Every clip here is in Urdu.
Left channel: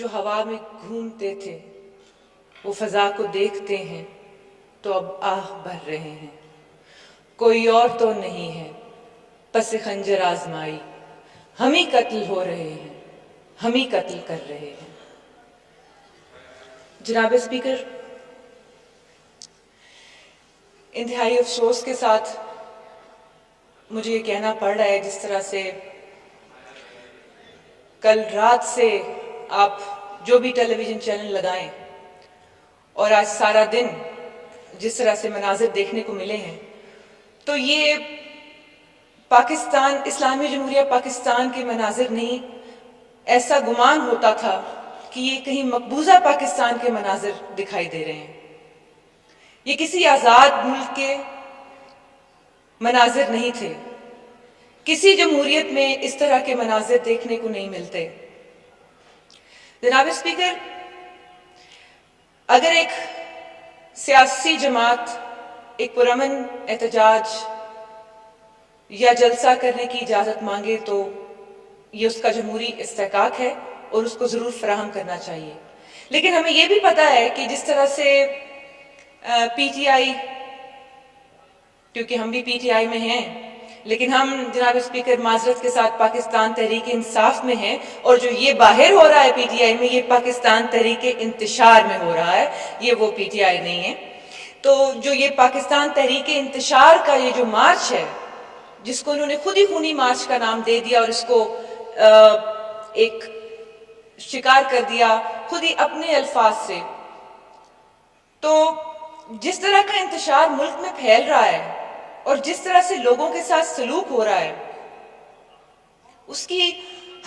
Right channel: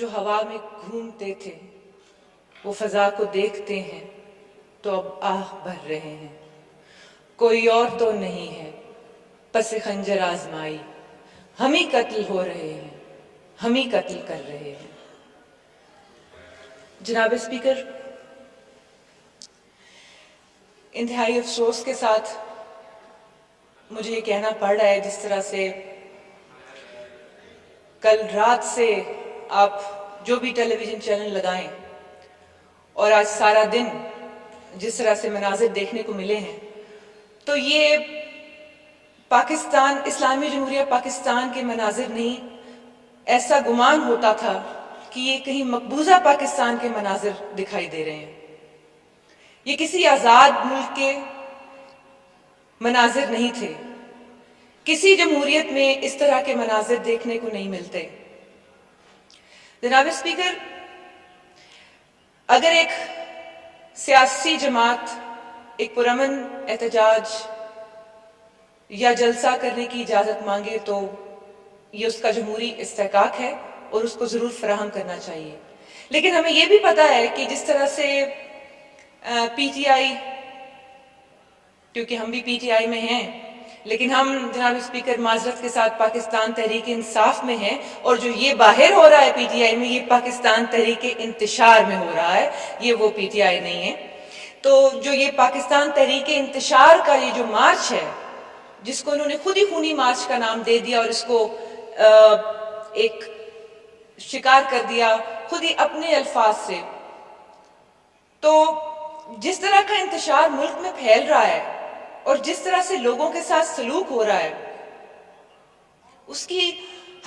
جو ہوا میں گھومتے تھے وہ فضا کو دیکھتے ہیں تو اب آہ بھر رہے ہیں۔ کوئی اور تو نہیں ہے پس خنجر آزمائی، ہم ہی قتل ہو رہے ہیں، ہم ہی قتل کر رہے ہیں۔ جناب اسپیکر، انتہائی افسوس کے ساتھ مجھے یہ کہنا پڑ رہا ہے، جس طرح سے کل رات سے آپ جو بھی ٹیلی ویژن چینل لگائیں اور آج سارا دن جس طرح سے مناظر دیکھنے کو ملے ہیں، تو یہ پاکستان، اسلامی جمہوریہ پاکستان کے مناظر نہیں، ایسا گمان ہوتا تھا کہ یہ کہیں مقبوضہ پاکستان کے مناظر دکھائی دے رہے ہیں۔ یہ کسی آزاد ملک کے مناظر نہیں تھے، کسی جمہوریت میں اس طرح کے مناظر دیکھنے کو نہیں ملتے۔ جناب اسپیکر، اگر ایک سیاسی جماعت ایک پرامن احتجاج یا جلسہ کرنے کی اجازت مانگے تو یہ اس کا جمہوری استحقاق ہے اور اس کو ضرور فراہم کرنا چاہیے، لیکن ہمیں یہ بھی پتہ ہے کہ جس طرح سے پی ٹی آئی، کیونکہ ہم بھی پی ٹی آئی میں ہیں، لیکن ہم جناب اسپیکر معذرت کے ساتھ پاکستان تحریک انصاف میں ہیں، اور جو یہ باہر ہو رہا ہے پی ٹی آئی میں، یہ پاکستان تحریک انتشار میں ہو رہا ہے، یہ وہ پی ٹی آئی نہیں ہے۔ تو جو یہ پاکستان تحریک انتشار کا یہ جو مارچ ہے، جس کو انہوں نے خود ہی خونی مارچ کا نام دے دیا اور اس کو ایک شکار کر دیا خود ہی اپنے الفاظ سے، تو جس طرح کا انتشار ملک میں پھیل رہا ہے اور جس طرح سے لوگوں کے ساتھ سلوک ہو رہا ہے، اس کی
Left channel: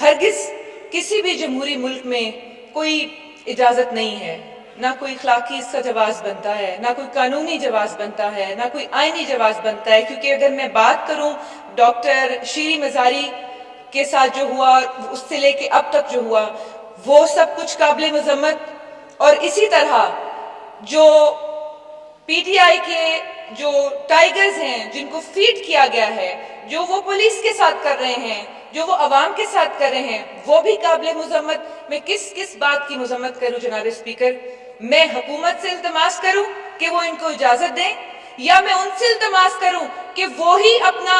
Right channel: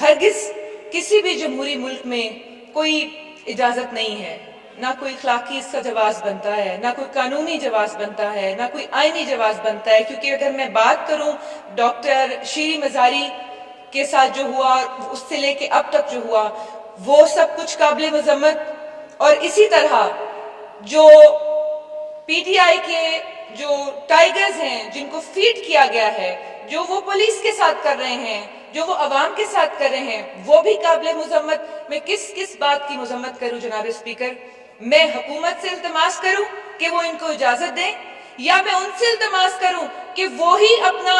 ہرگز کسی بھی جمہوری ملک میں کوئی اجازت نہیں ہے، نہ کوئی اخلاقی اس کا جواز بنتا ہے، نہ کوئی قانونی جواز بنتا ہے، نہ کوئی آئینی جواز بنتا ہے، کیونکہ اگر میں بات کروں ڈاکٹر شیریں مزاری کے ساتھ جو ہوا، اس سے لے کے اب تک جو ہوا، وہ سب کچھ قابل مذمت، اور اسی طرح جو پی ٹی آئی کے جو ٹائیگرز ہیں جن کو فیڈ کیا گیا ہے، جو وہ پولیس کے ساتھ کر رہے ہیں، جو وہ عوام کے ساتھ کر رہے ہیں، وہ بھی قابل مذمت۔ میں کس بات کی مذمت کروں جناب اسپیکر؟ میں حکومت سے التماس کروں کہ وہ ان کو اجازت دیں، یا میں ان سے التماس کروں کہ وہی اپنا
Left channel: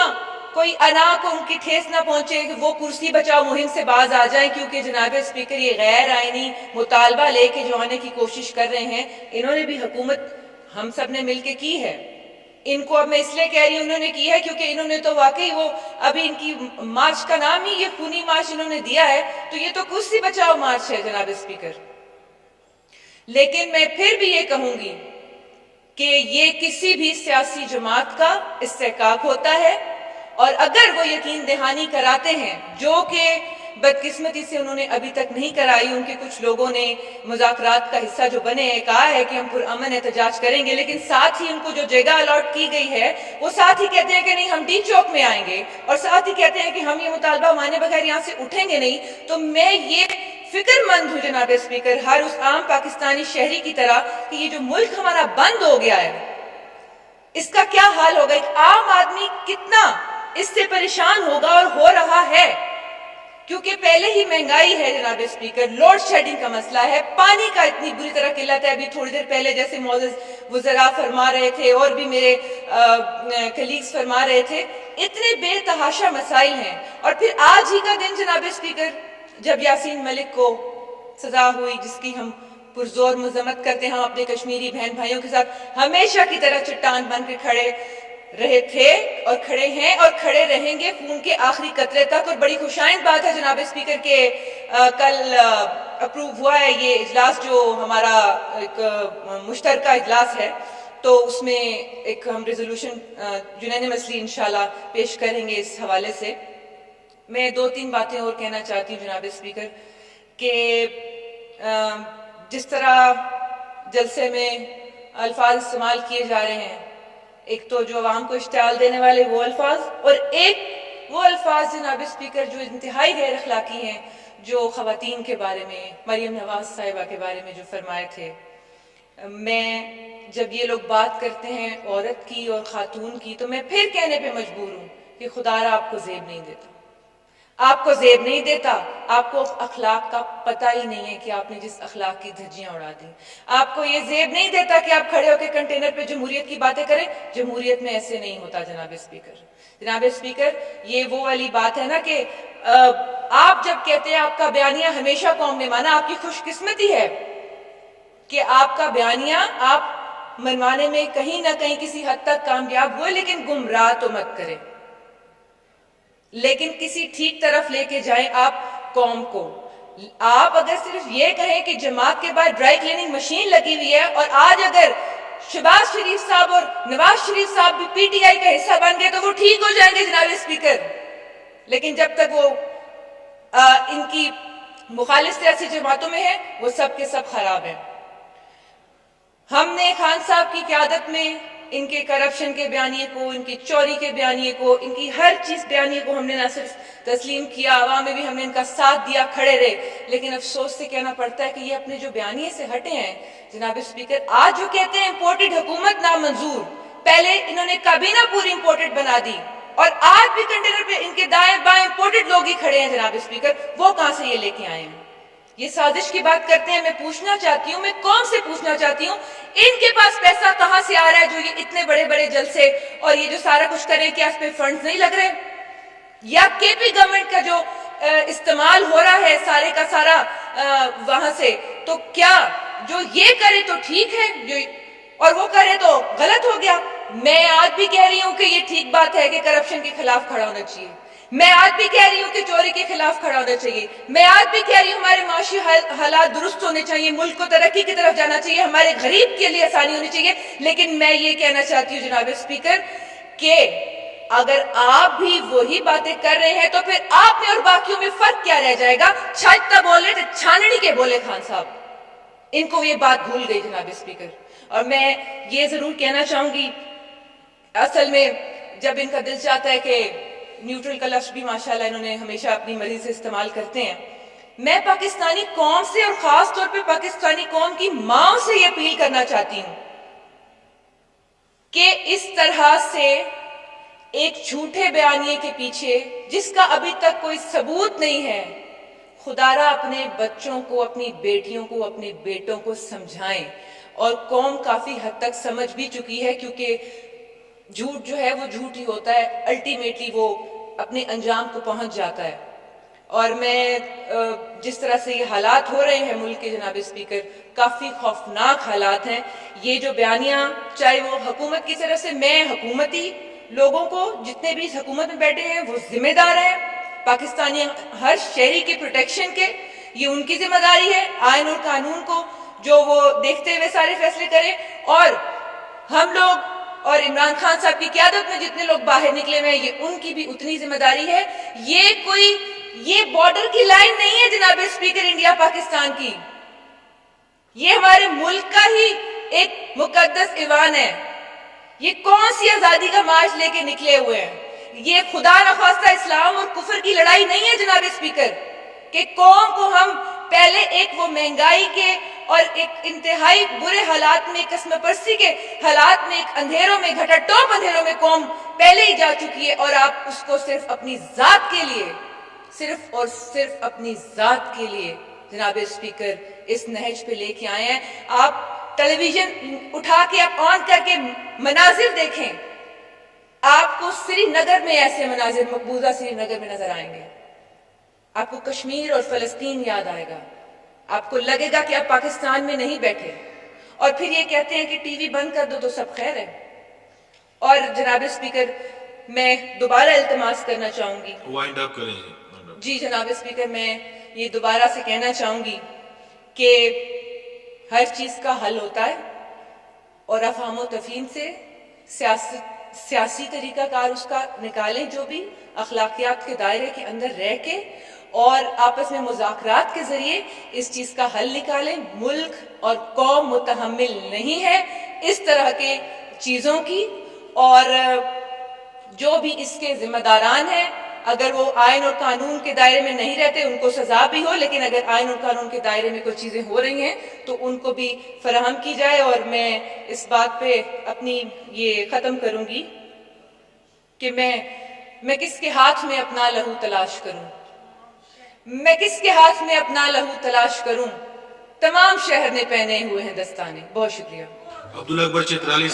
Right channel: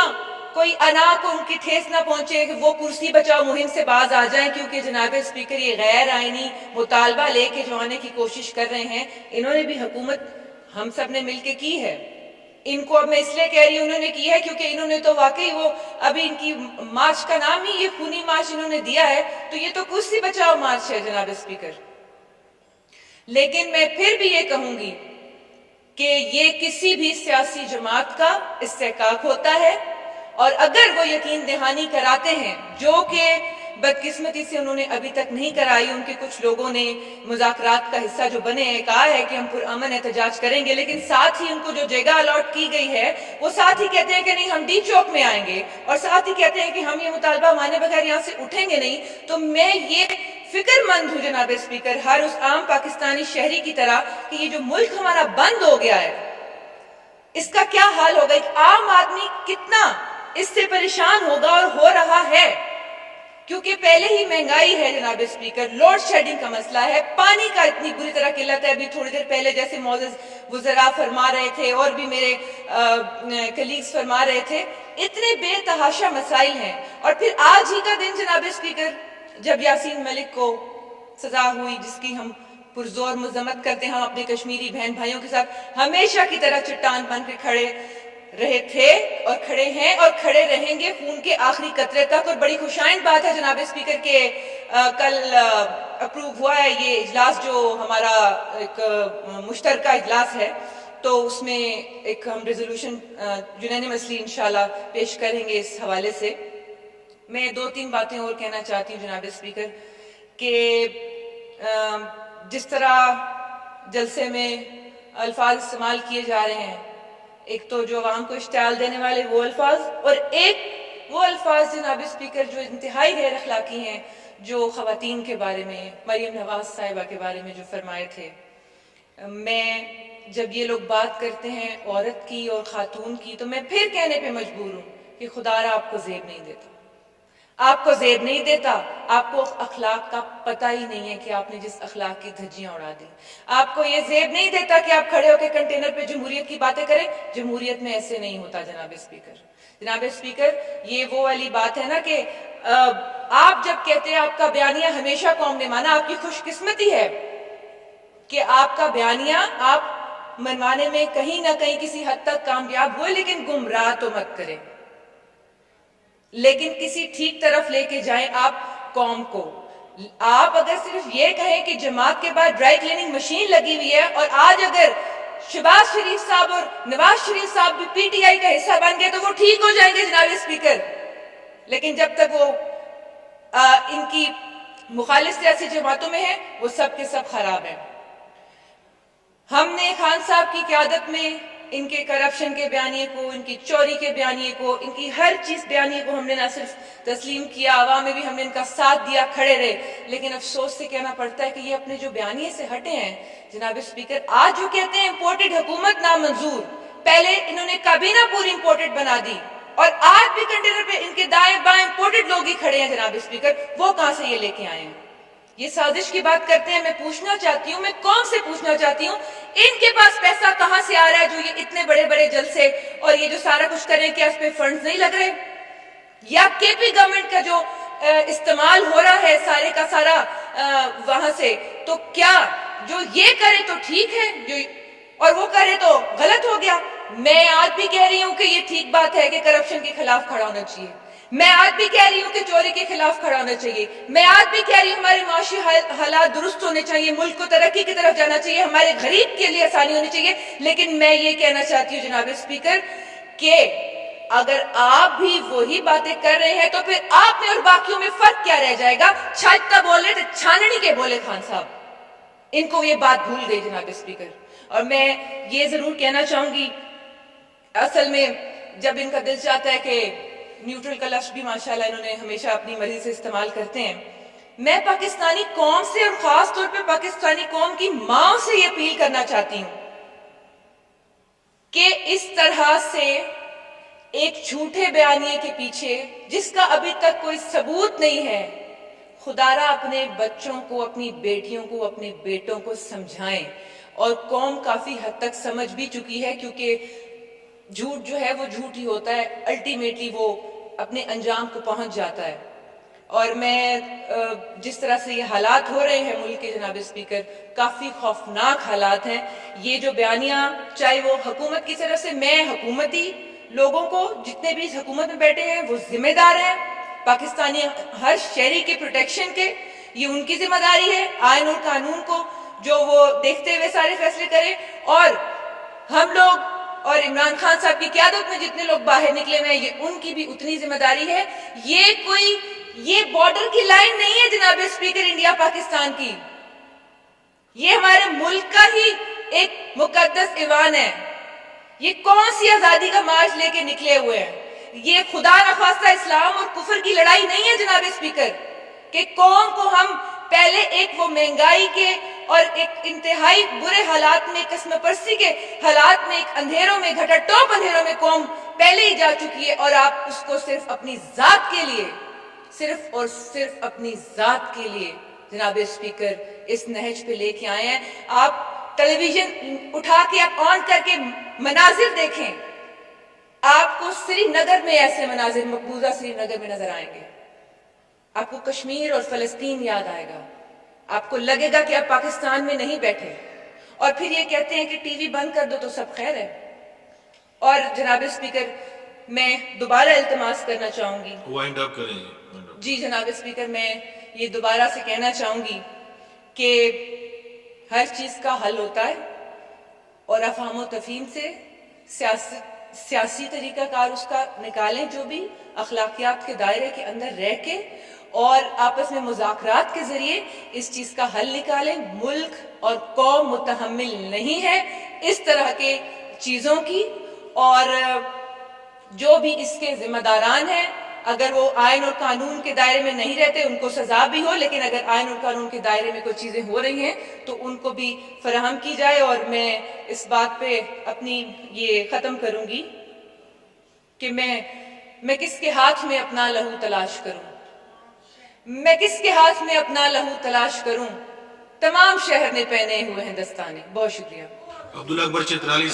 کوئی انا کو ان کی ٹھیس نہ پہنچے، کہ وہ کرسی بچاؤ مہم سے باز آ جائیں، کیونکہ جناب اسپیکر یہ غیر آئینی مطالبہ لے کے جو آنے کی کوشش کر رہے ہیں، انہوں نے بھی حکومت ہم سب نے مل کے کی ہے۔ ان کو اب میں اس لیے کہہ رہی ہوں انہوں نے کی ہے کیونکہ انہوں نے تو واقعی وہ ابھی ان کی مارچ کا نام ہی یہ خونی مارچ انہوں نے دیا ہے، تو یہ تو کرسی بچاؤ مارچ ہے جناب اسپیکر۔ لیکن میں پھر بھی یہ کہوں گی کہ یہ کسی بھی سیاسی جماعت کا استحقاق ہوتا ہے، اور اگر وہ یقین دہانی کراتے ہیں، جو کہ بدقسمتی سے انہوں نے ابھی تک نہیں کرائی، ان کے کچھ لوگوں نے مذاکرات کا حصہ جو بنے ہیں کہا ہے کہ ہم پرامن احتجاج کریں گے، لیکن ساتھ ہی ان کو جو جگہ الاٹ کی گئی ہے وہ ساتھ ہی کہتے ہیں کہ نہیں ہم ڈی چوک میں آئیں گے، اور ساتھ ہی کہتے ہیں کہ ہم یہ مطالبہ مانے بغیر یہاں سے اٹھیں گے نہیں۔ تو میں یہ فکر مند ہوں جناب اسپیکر، ہر اس عام پاکستانی شہری کی طرح، کہ یہ جو ملک ہمارا بند ہو گیا ہے اس کا کیا حال ہوگا، ایک عام آدمی کتنا اس سے پریشان ہوگا، اور ہو رہا ہے، کیونکہ پہلے ہی مہنگائی ہے جناب اسپیکر، لوڈ شیڈنگ کا مسئلہ ہے، پانی کا اتنی بری طرح قلت ہے۔ ابھی تھوڑی دیر پہلے جیسے معزز وزراء فرما رہے تھے اور بھی میرے کلیگز فرما رہے تھے، اتنے بے تحاشا مسائل ہیں۔ اور پھر آج ہی کا دن جناب اسپیکر، جب یاسین ملک کو سزا ہوئی، جس کی ہم پرزور مذمت کرتے ہیں، ہم اپنے کشمیری بہن بھائیوں کے ساتھ ہمیشہ کی طرح چٹان بن کے کھڑے رہے تھے اور کھڑے ہیں اور کھڑے رہیں گے خون کے آخری قطرے تک۔ اور بڑی خوشائند بات ہے جناب اسپیکر کہ کل اپروو ہوا ہے یہ اجلاس، جو ہمارا ایک مشترکہ اجلاس ہے، تو اس میں ایک ہم ریزولوشن یونینیمسلی انشاءاللہ پیش کریں گے اس حوالے سے۔ میں 2-3 باتیں اور کہنا چاہتی ہوں جناب اسپیکر، کہ جس طرح جلسے میں الفاظ استعمال کیے جا رہے ہیں، ایک تو جو عوام کو اشتعال دینے والے وہ الفاظ، اور ایک وہ الفاظ جناب اسپیکر جو انتہائی غیر اخلاقی ہیں، جو خواتین کے بارے میں، مریم نواز صاحبہ کے بارے میں جو فرمائے تھے۔ میں جب یہ لوگ بات کرتے ہیں عورت کی اور خاتون کی، تو میں پھر کہنے پہ مجبور ہوں کہ خدا را آپ کو زیب نہیں دیتا، آپ کو زیب نہیں دیتا، آپ کو اخلاق کا پتہ ہی نہیں ہے کہ آپ نے جس اخلاق کی دھجیاں اڑا دی. آپ کو یہ زیب نہیں دیتا کہ آپ کھڑے ہو کے کنٹینر پہ جمہوریت کی باتیں کریں. جمہوریت میں ایسے نہیں ہوتا جناب اسپیکر. جناب اسپیکر، یہ وہ والی بات ہے نا کہ آپ جب کہتے ہیں آپ کا بیانیہ ہمیشہ قوم نے مانا، آپ کی خوش قسمتی ہے کہ آپ کا بیانیہ آپ منوانے میں کہیں نہ کہیں کسی حد تک کامیاب ہوئے، لیکن گمراہ تو مت کریں، لیکن کسی ٹھیک طرف لے کے جائیں آپ قوم کو. آپ اگر صرف یہ کہیں کہ جماعت کے بعد ڈرائی کلیننگ مشین لگی ہوئی ہے، اور آج اگر شہباز شریف صاحب اور نواز شریف صاحب بھی پی ٹی آئی کا حصہ بن گئے تو وہ ٹھیک ہو جائیں گے جناب اسپیکر، لیکن جب تک وہ ان کی مخالف سیاسی جماعتوں میں ہیں وہ سب کے سب خراب ہیں. ہم نے خان صاحب کی قیادت میں ان کے کرپشن کے بیانیے کو، ان کی چوری کے بیانیے کو، ان کی ہر چیز بیانیے کو ہم نے نہ صرف تسلیم کیا، عوام میں بھی ہم نے ان کا ساتھ دیا، کھڑے رہے، لیکن افسوس سے کہنا پڑتا ہے کہ یہ اپنے جو بیانیے سے ہٹے ہیں جناب اسپیکر. آج جو کہتے ہیں امپورٹڈ حکومت نامنظور، پہلے انہوں نے کابینہ پوری امپورٹڈ بنا دی، اور آج بھی کنٹینر پہ ان کے دائیں بائیں امپورٹڈ لوگ ہی کھڑے ہیں جناب اسپیکر. وہ کہاں سے یہ لے کے آئے ہیں؟ یہ سازش کی بات کرتے ہیں. میں پوچھنا چاہتی ہوں، میں قوم سے پوچھنا چاہتی ہوں، ان کے پاس پیسہ کہاں سے آ رہا ہے جو یہ اتنے بڑے بڑے جلسے اور یہ جو سارا کچھ کریں؟ کیا اس پہ فنڈز نہیں لگ رہے؟ یا کے پی گورنمنٹ کا جو استعمال ہو رہا ہے سارے کا سارا وہاں سے، تو کیا جو یہ کرے تو ٹھیک ہے جو اور وہ کرے تو غلط ہو گیا؟ میں آج بھی کہہ رہی ہوں کہ یہ ٹھیک بات ہے کہ کرپشن کے خلاف کھڑا ہونا چاہیے. میں آج بھی کہہ رہی ہوں کہ چوری کے خلاف کھڑا ہونا چاہیے. میں آج بھی کہہ رہی ہوں ہمارے معاشی حالات درست ہونے چاہیے، ملک کو ترقی کی طرف جانا چاہیے، ہمارے غریب کے لیے آسانی ہونی چاہیے. لیکن میں یہ کہنا چاہتی ہوں جناب اسپیکر کہ اگر آپ بھی وہی باتیں کر رہے ہیں تو پھر آپ میں اور باقیوں میں فرق کیا رہ جائے گا؟ چھاجتا بول رہے تھے، چھاننی کے بولے خان صاحب. ان کو یہ بات بھول گئی جناب اسپیکر. اور میں یہ ضرور کہنا چاہوں گی، اصل میں جب ان کا دل چاہتا ہے کہ نیوٹرل کا لفظ بھی ماشاءاللہ انہوں نے ہمیشہ اپنی مرضی سے استعمال کرتے ہیں، میں پاکستانی قوم سے اور خاص طور پہ پاکستانی قوم کی ماں سے یہ اپیل کرنا چاہتی ہوں کہ اس طرح سے ایک جھوٹے بیانیے کے پیچھے جس کا ابھی تک کوئی ثبوت نہیں ہے، خدا را اپنے بچوں کو، اپنی بیٹیوں کو، اپنے بیٹوں کو سمجھائیں. اور قوم کافی حد تک سمجھ بھی چکی ہے، کیونکہ جھوٹ جو ہے وہ جھوٹ ہی ہوتا ہے، الٹیمیٹلی وہ اپنے انجام کو پہنچ جاتا ہے. اور میں جس طرح سے یہ حالات ہو رہے ہیں ملک کے جناب اسپیکر، کافی خوفناک حالات ہیں. یہ جو بیانیہ چاہے وہ حکومت کی طرف سے، میں حکومتی لوگوں کو جتنے بھی اس حکومت میں بیٹھے ہیں وہ ذمہ دار ہیں، پاکستانی ہر شہری کے پروٹیکشن کے، یہ ان کی ذمہ داری ہے. آئین اور قانون کو جو وہ دیکھتے ہوئے سارے فیصلے کریں، اور ہم لوگ اور عمران خان صاحب کی قیادت میں جتنے لوگ باہر نکلے ہوئے ہیں یہ ان کی بھی اتنی ذمہ داری ہے. یہ بارڈر کی لائن نہیں ہے جناب اسپیکر انڈیا پاکستان کی، یہ ہمارے ملک کا ہی ایک مقدس ایوان ہے. یہ کون سی آزادی کا مارچ لے کے نکلے ہوئے ہیں؟ یہ خدا نخواستہ اسلام اور کفر کی لڑائی نہیں ہے جناب اسپیکر کہ قوم کو ہم پہلے ایک وہ مہنگائی کے اور ایک انتہائی برے حالات میں، قسم پرستی کے حالات میں، ایک اندھیروں میں، گھٹا ٹوپ اندھیروں میں قوم پہلے ہی جا چکی ہے، اور آپ اس کو صرف اپنی ذات کے لیے، صرف اور صرف اپنی ذات کے لیے جناب اسپیکر اس نہج پہ لے کے آئے ہیں. آپ ٹیلی ویژن اٹھا کے آپ آن کر کے مناظر دیکھیں، آپ کو سری نگر میں ایسے مناظر، مقبوضہ سری نگر میں نظر آئیں گے. آپ کو کشمیر اور فلسطین یاد آئے گا، آپ کو لگے گا کہ آپ پاکستان میں نہیں بیٹھے، اور پھر یہ کہتے ہیں کہ ٹی وی بند کر دو تو سب خیر ہے. اور جناب اسپیکر میں دوبارہ التماس کرنا چاہوں گی، وائنڈ اپ کریں جی جناب اسپیکر، میں یہ دوبارہ سے کہنا چاہوں گی کہ ہر چیز کا حل ہوتا ہے، اور افہام و تفہیم سے سیاسی طریقہ کار اس کا نکالیں، جو بھی اخلاقیات کے دائرے کے اندر رہ کے اور آپس میں مذاکرات کے ذریعے اس چیز کا حل نکالیں. ملک اور قوم متحمل نہیں ہے اس طرح کے چیزوں کی، اور جو بھی اس کے ذمہ داران ہیں اگر وہ آئین اور قانون کے دائرے میں نہیں رہتے ان کو سزا بھی ہو، لیکن اگر آئین اور قانون کے دائرے میں کوئی چیزیں ہو رہی ہیں تو ان کو بھی فراہم کی جائے. اور میں اس بات پہ اپنی یہ ختم کروں گی کہ میں کس کے ہاتھ میں اپنا لہو تلاش کروں. میں کس کے ہاتھ میں اپنا لہو تلاش کروں، تمام شہر نے پہنے ہوئے ہیں دستانے. بہت شکریہ. عبداللہ اکبر چترالی